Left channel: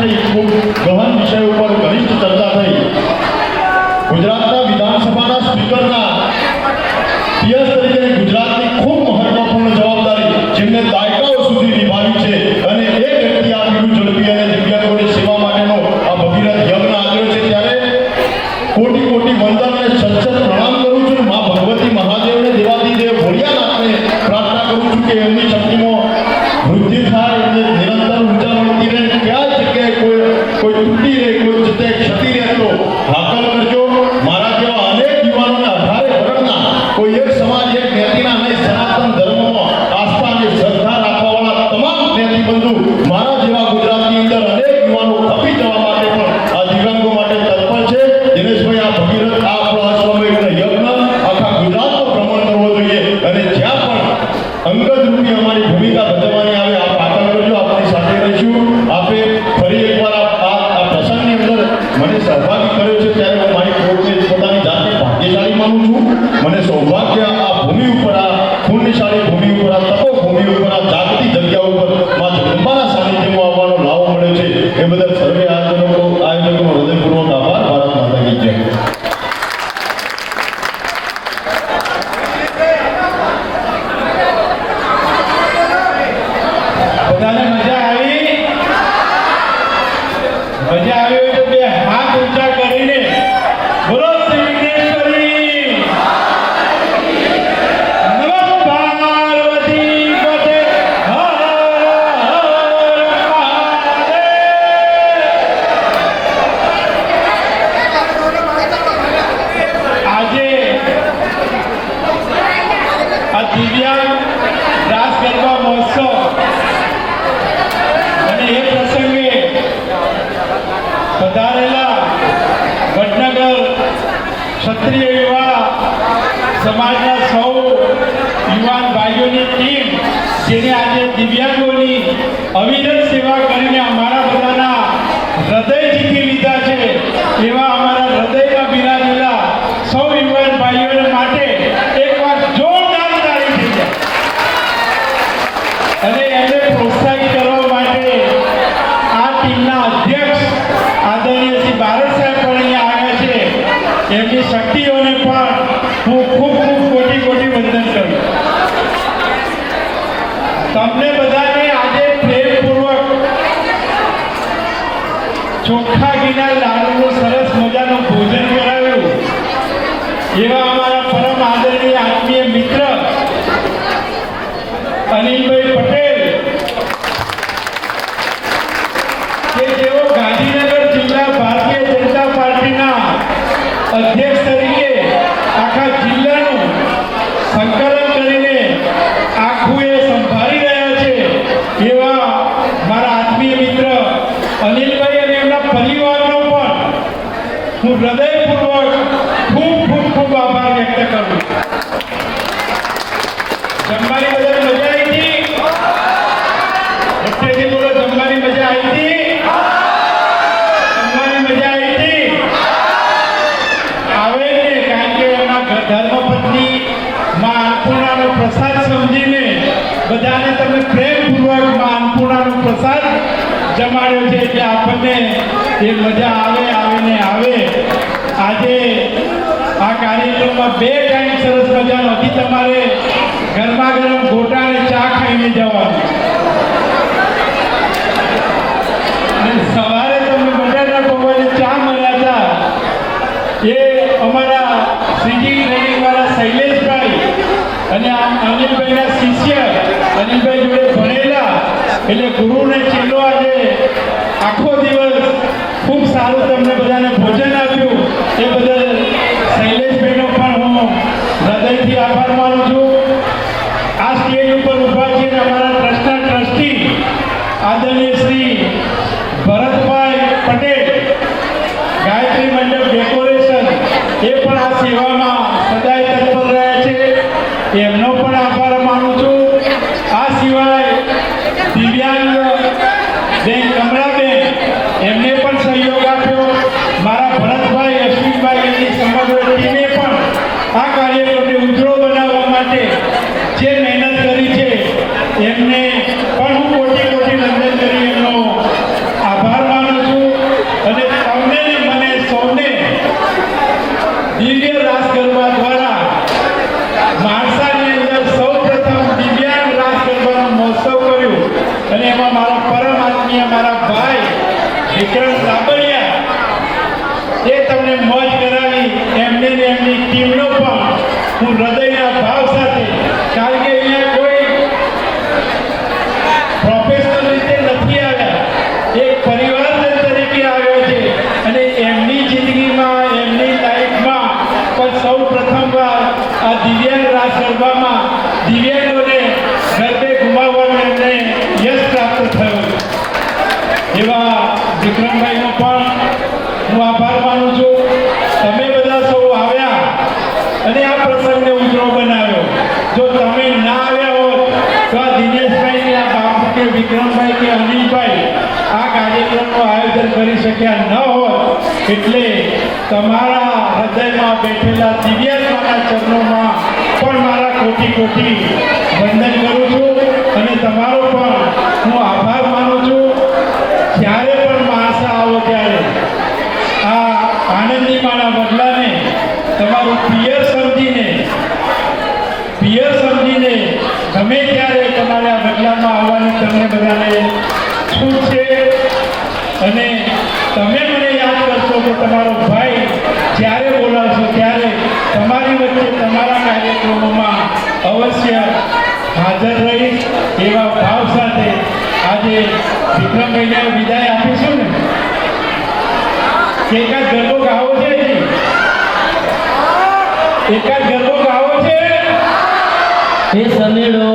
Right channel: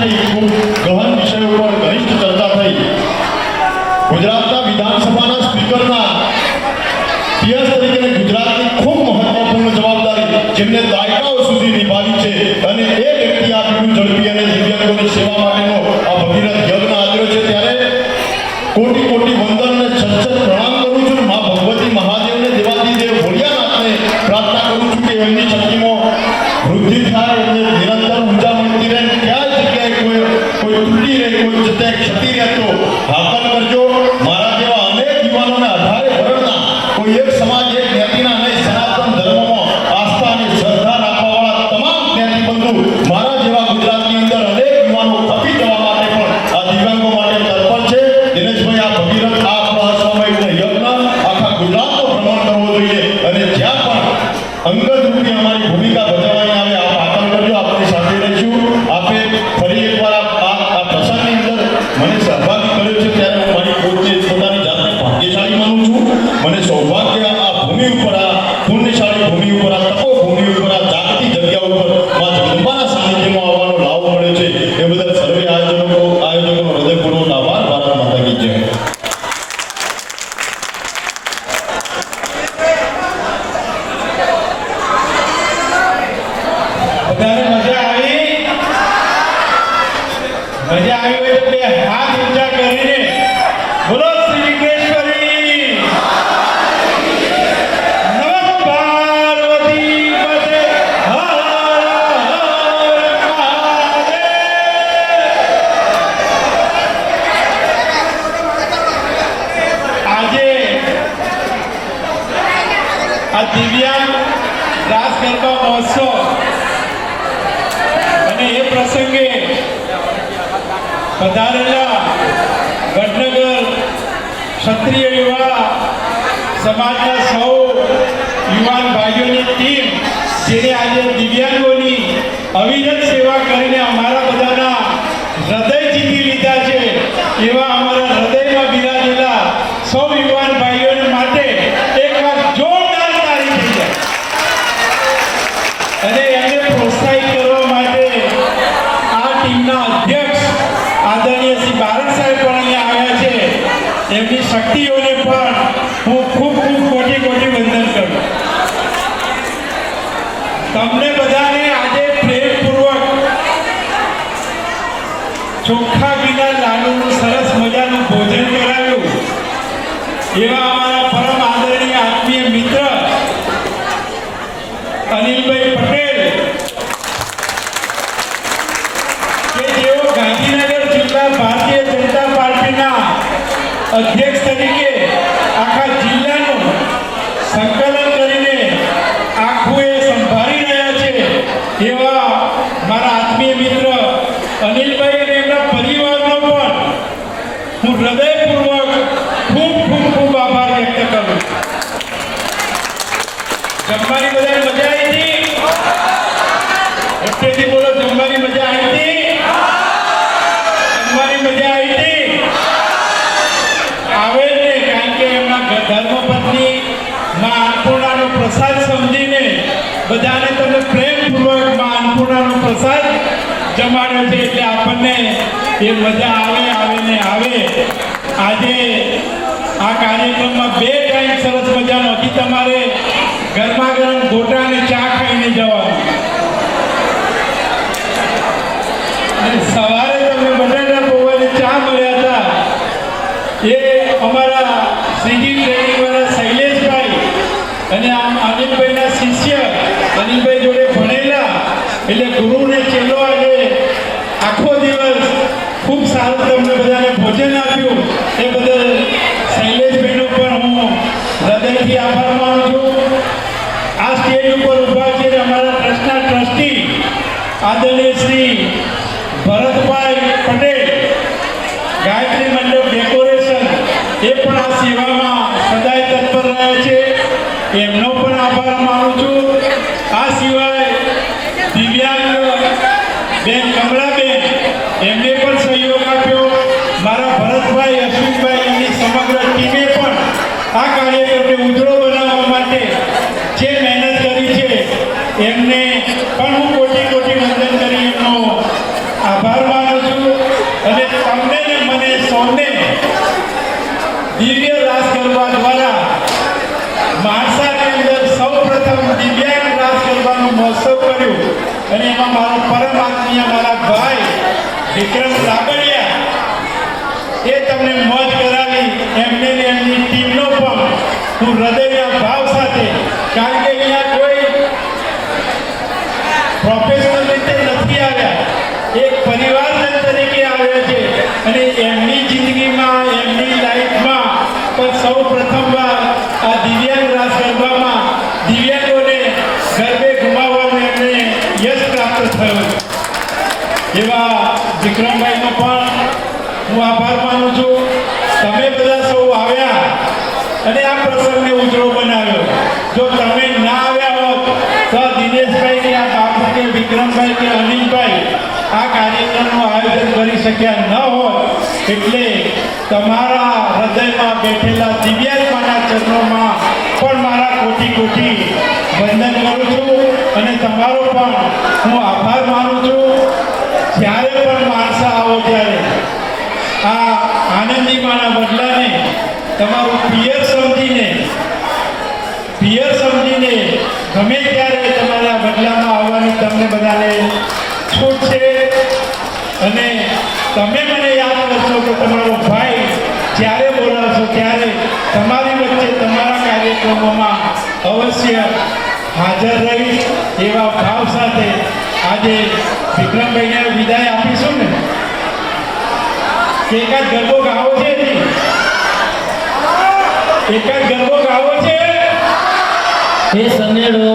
થઈ, ખૂબ ગહન વિષય ઉપર ઘનિષ્ઠ ચર્ચા થઈ. ગુજરાતના વિધાનસભાના સ્પીકરના પીએસ તરીકે ગુજરાતની ખૂબ મહત્વપૂર્ણ જવાબદારી જેમને દાયકાઓ સુધી નિભાવી છે અને એ વ્યક્તિ આ બીડું ઝડપી અને દિવ્યાંગોની સેવા માટેનો આ ભગીરથ યજ્ઞ આદર્યો છે. ત્યારે કોટી કોટી વંદન અને છચ્છર પ્રણામ કરું છું. મા ભગવતી મહાદેવને દેવાદિદેવ ભોળિયાનાથને પ્રાર્થના કરું છું કે એમની શક્તિમાં વૃદ્ધિ થાય અને નિરંતર ઊર્જા મળતી રહે. ક્યાં જગ્યાએ કોઈ તૂટી રહે, કોઈ જગ્યાએ ક્ષતિ રહે તો હાકલ કરજો. મારા જેવા અનેક યુવાનોને 18 વર્ષના કોઈ એક સમાજ એક જ્ઞાતિના અને સનાતન ધર્મમાં આસ્થા અને શ્રદ્ધા રાખવાવાળા તમામ જ્ઞાતિ બંધુ મારા જેવા ગુજરાતની અંદર અનેક યુવાનો તપી જવા માટે પણ આ દિવ્યાંગો માટે તત્પર છે. દિનેશભાઈ, આ ભગીરથ આ આપણા સમયનો યજ્ઞ આખા ગુજરાતનો ભ્રમણ કરવો જોઈએ અને જ્યાં પણ અંગત રૂપી અમારી ભૂમિકા ભજવવાની આવે આપ આગળ કરજો. આપણી સાથે રહીશું. આપે ફરી એકવાર આ પ્રસંગની અંદર મને સહભાગી કર્યો છે ત્યારે હું મારી પોતે પોતાની જાતને ભાગ્યશાળી માનું છું. મને સૌભાગ્ય આ ભૂમિ ઉપર, આ પુણ્યશાળી ભૂમિ ઉપર, આ તપોભૂમિ ઉપર, આ જાગતી જગ્યા ઉપર મા જગદંબાના સાનિધ્યમાં આવવાનો લાવો મળે છે. એ બદલ સર્વે આયોજકોનો હૃદયપૂર્વક આભાર. ભારત માતા કી જય. બધાને મજા આવી? મજા આવી હોય તો બે હાથ ઊંચા કરીને બોલો શ્રી કૃષ્ણેશ્વરી. નમઃ પાર્વતી પતે હર હર મહાદેવ. આજે આ દિવ્યાંગ રાસ ગરબા મહોત્સવ અને એ પ્રસંગે પધારેલા વડનગર ક્ષત્રિય યુવા સમાજના સૌ યુવાન ભાઈઓની ટીમ જેને આજે દિવ્યાંગોની અવિરત સેવા કરીને અમારા બધાના હૃદય જીતી લીધા છે, એવા અમારા હૃદયમાં બિરાજેલા સૌ યુવાન ભાઈઓને માટે એકવાર જોરદાર તાળી થઈ જાય અને એમને પ્રોત્સાહિત કરવા માટે આ ટીમના અધ્યક્ષ આદરણીય શ્રી બારડ સાહેબ પણ અહીંયા આવ્યા છે. એમની શક્તિઓને પણ હું ખૂબ ખૂબ કોટી કોટી વંદન કરું. તમને બધાને આજે પ્રેમપૂર્વક ચોખ્ખા ઘીના લાડુનું સરસ મજાનું ભોજન કરાવ્યું. એવા અમારા પરમ આદરણીય આત્મીય મિત્ર અનિલભાઈ પટેલ કે જેઓ ગાંધીનગર જિલ્લા ભારતીય જનતા પાર્ટીના અધ્યક્ષ તરીકે આખા જિલ્લાનું સંકલન કરીને આખું એ સંભાળી રહ્યા છે. એવા મારા આત્મીય મિત્ર અનિલભાઈ અને એમના પરિવારનો પણ હું હૃદયપૂર્વક ખૂબ ખૂબ ખૂબ આભાર વ્યક્ત કરું છું. જમવાની બધાને મજા આવી હતી? વચ્ચેથી બોલો, જમવાની મજા આવી હતી? જમવાની મજા આવી હતી? આવે ને, કારણ કે એમના ધર્મપત્ની મા અન્નપૂર્ણાનો પ્રસાદ સમજીને બધાને તમે પ્રેમપૂર્વક મા અન્નપૂર્ણાનો પ્રસાદ જમાડ્યો છે એટલે આપણને એ મજા આવે ને આવે. આજે આ કાર્યક્રમમાં 2 ટાઈમ સરસ મજાનો હતી. તમારે ગરમા ગરમ ગોટા અને ચા ખાઈને જવાનું અને સવારે તમે બટાટા પૌવાને ચા મળ્યા હતા. એ અમારા શ્રીજી ટ્રેનિંગવાળા શૈલેષભાઈ અને અનિલભાઈના શિષ્ય અનિલભાઈ જોડે ભણેલા એટલે ગુરુને ચેલો આજે આખો દિવસ ખૂબ સારું તમને બધાને ભોજન આપ્યું. એ બદલ શૈલેષભાઈનો પણ હું હૃદયથી આભાર માનું છું. આ સ્ટેજ ઉપર ઊભા છે અમારા ટ્રસ્ટના ટ્રસ્ટી આદરણીય શ્રી ભરતભાઈ પટેલ, ગાયત્રી મંડપ ડેકોરેશન, એ પણ આ સેવામાં સદાય તત્પર રહ્યા છે. એમનો પણ આભાર માનું છું. આ સિવાય દિવ્યાંગ બેન કમળાબેન, એમને પણ સહયોગ આપ્યો. મારા ભરતભાઈ, અશ્વિનભાઈ, એમની સમગ્ર ટીમે પણ આ કાર્યક્રમને ઉજળો બનાવવા માટે જે મહેનત કરી છે એમને પણ હું કોટી કોટી વંદન કરી એમનો આભાર માનું વિક્રમ લાબડિયા એ તમને મોજ કરાવી એમને ને એમની ટીમનો પણ હું હૃદયના ભાવ સાથે, કારણ કે અહીંયા કોઈ પ્રોફેશનલ રીતે નથી આવ્યા, એક પરિવારજન તરીકે આવ્યા છે અને એમની જિંદગીમાં એમની લાઈફમાં પણ સૌ પ્રથમવાર આ દિવ્યાંગ રાસ ગરબામાં દિવ્યાંગોને ગરબે ગુમાવવાનું એમને યશ પ્રાપ્ત થયો એવા વિક્રમભાઈનો પણ હું આભાર માનું છું. તમે બધા સૌ આવ્યા અને આ પ્રસંગને ઉજળો બનાવ્યો. જો તમે ના આવ્યા હોત તો આ દિનેશભાઈ આ બાપુ કે વિક્રમભાઈ કે અનિલભાઈ આ કાર્યક્રમનું આયોજન કરી શક્યા ન હોત. એટલે તમારા હૃદયમાં બેઠેલા દિવ્યાંગોના ચરણોમાં પણ મારા કોટી કોટી વંદન કરું છું અને તમારો પણ હું આભાર માનું છું. જ્યારે પણ માણસા આવો ત્યારે આ આનંદીમાના બદલાને તમારું પિયર સમજીને ગમે ત્યારે તમારે આ બદલામાં આવવાની તમને બધાને છૂટ છે. અને તમે મને યાદ કરશો તો તમારો ભાઈ જ્યારે બોલાવશો ત્યારે તમારી વચ્ચે તમારા કાર્યક્રમોમાં અવશ્ય હાજર રહીશ એવા ભાવ સાથે આજે વિક્રમભાઈને વિદાય આપીશું ને. એકાદ ગરબો ગાવો છે નહીં? એકાદ ગરબો ગાવો છે. એ સમેળો